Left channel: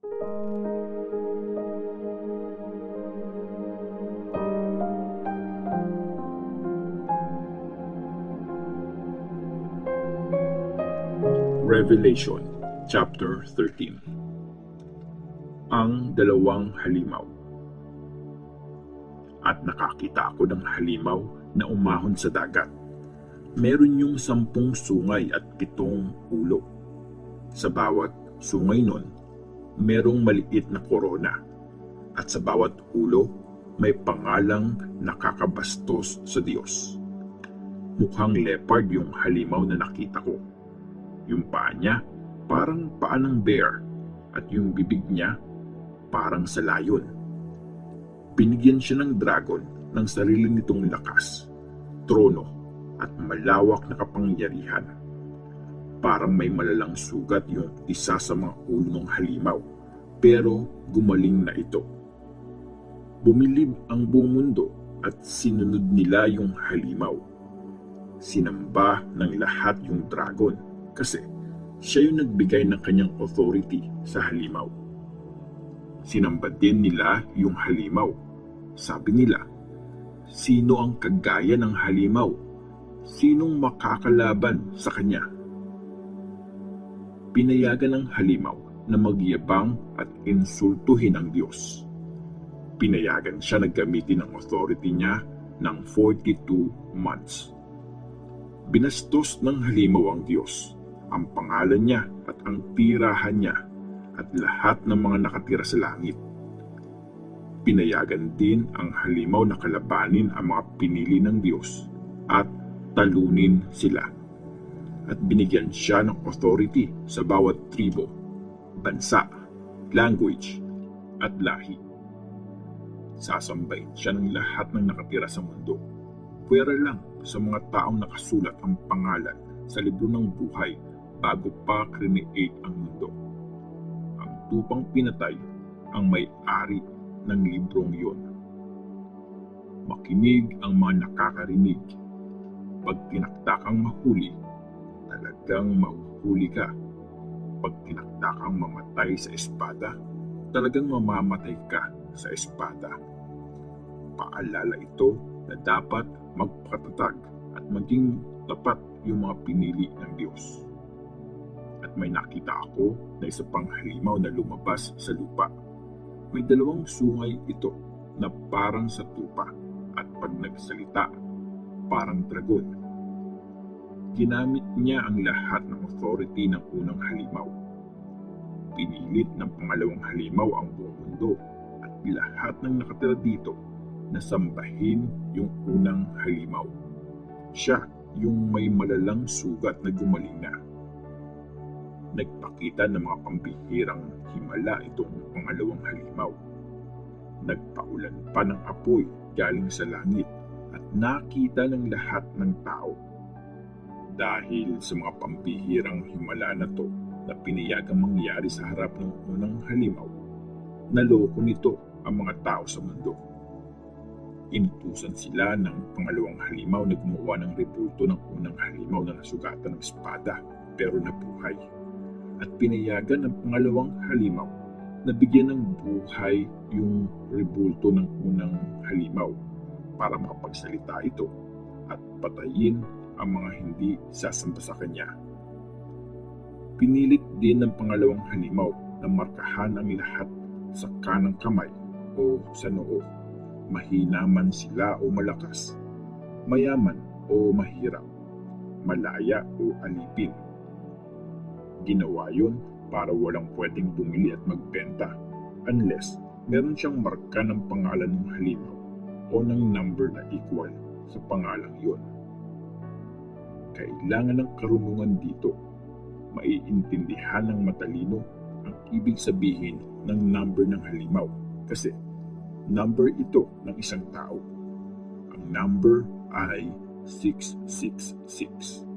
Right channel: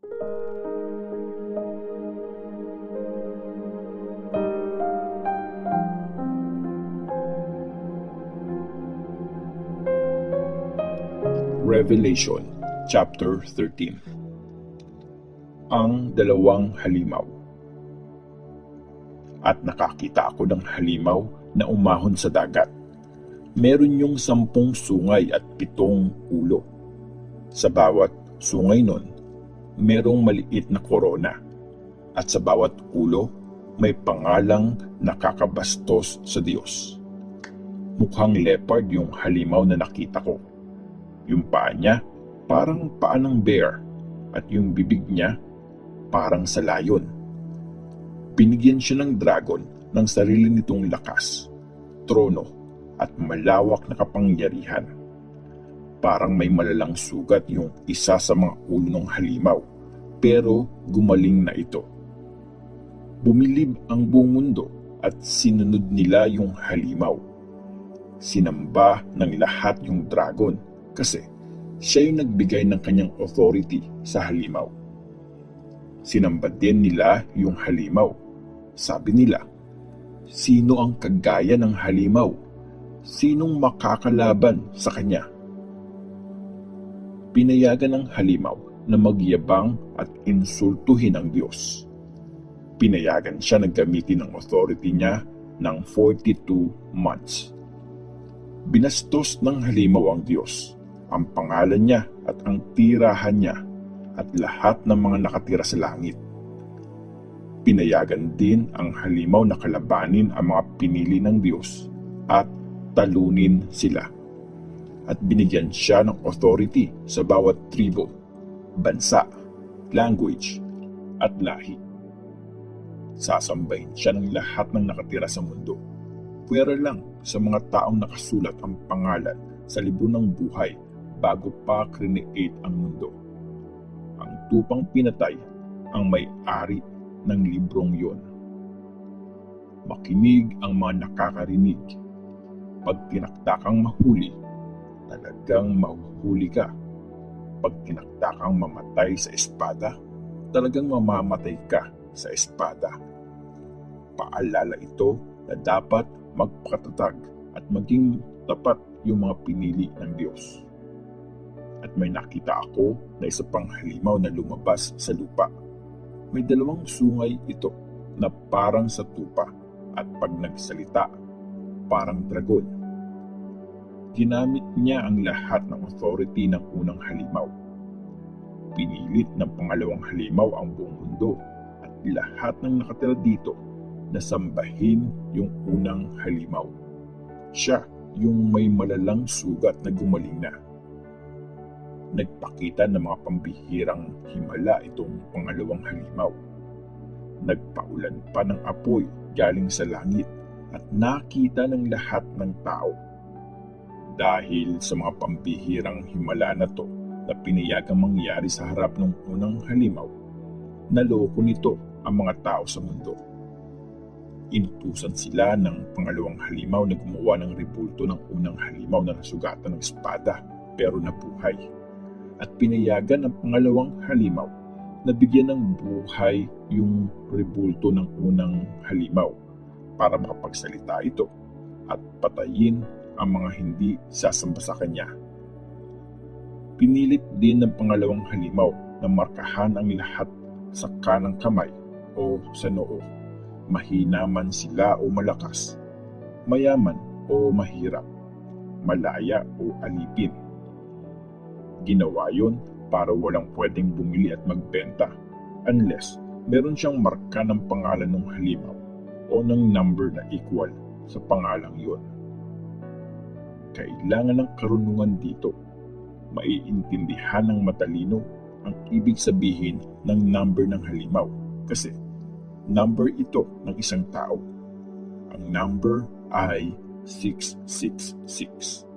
Revelation chapter 13. Ang dalawang halimaw. At nakakita ako ng halimaw na umahon sa dagat. Meron yung 10 sungay at 7 ulo. Sa bawat sungay nun, merong maliit na korona. At sa bawat ulo, may pangalang nakakabastos sa Diyos. Mukhang leopard yung halimaw na nakita ko. Yung paa niya parang paa ng bear at yung bibig niya parang sa layon. Binigyan siya ng dragon ng sarili nitong lakas, trono at malawak na kapangyarihan. Parang may malalang sugat yung isa sa mga ulo ng halimaw, pero gumaling na ito. Bumilib ang buong mundo at sinunod nila yung halimaw. Sinamba ng lahat yung dragon kasi siya yung nagbigay ng kanyang authority sa halimaw. Sinamba din nila yung halimaw. Sabi nila, sino ang kagaya ng halimaw? Sinong makakalaban sa kanya? Pinayagan ng halimaw na magyabang at insultuhin ang Diyos. Pinayagan siya na gamitin ang authority niya ng 42 months. Binastos ng halimaw ang Diyos, ang pangalan niya at ang tirahan niya at lahat ng mga nakatira sa langit. Pinayagan din ang halimaw na kalabanin ang mga pinili ng Diyos at talunin sila. At binigyan siya ng authority sa bawat tribo, bansa, language at lahi. Sasambahin siya ng lahat ng nakatira sa mundo. Pwera lang sa mga taong nakasulat ang pangalan sa libro ng buhay bago pa create ang mundo. Ang tupang pinatay ang may-ari ng librong yon. Makinig ang mga nakakarinig. Pag tinakdakang mahuli, talagang mahuhuli ka. Pag tinakdakang mamatay sa espada, talagang mamamatay ka sa espada. Paalala ito na dapat magpakatatag at maging tapat yung mga pinili ng Diyos. At may nakita ako na isa pang halimaw na lumabas sa lupa. May 2 sungay ito na parang sa tupa at pag nagsalita, parang dragon. Ginamit niya ang lahat ng authority ng unang halimaw. Pinilit ng pangalawang halimaw ang buong mundo at lahat ng nakatira dito na sambahin yung unang halimaw. Siya yung may malalang sugat na gumaling na. Nagpakita ng mga pambihirang himala itong pangalawang halimaw. Nagpaulan pa ng apoy galing sa langit at nakita ng lahat ng tao. Dahil sa mga pambihirang himala na to na pinayagang mangyari sa harap ng unang halimaw, naloko nito ang mga tao sa mundo. Inutusan sila ng pangalawang halimaw na gumawa ng rebulto ng unang halimaw na nasugatan ng espada pero nabuhay. At pinayagan ng pangalawang halimaw na bigyan ng buhay yung rebulto ng unang halimaw para makapagsalita ito at patayin ang mga hindi sasamba sa kanya. Pinilit din ng pangalawang halimaw na markahan ang lahat sa kanang kamay o sa noo. Mahina man sila o malakas, mayaman o mahirap, malaya o alipin. Ginawa yun para walang pwedeng bumili at magbenta unless meron siyang marka ng pangalan ng halimaw o ng number na equal sa pangalang yun. Kailangan ng karunungan dito. Maiintindihan ng matalino ang ibig sabihin ng number ng halimaw kasi number ito ng isang tao. Ang number ay 666.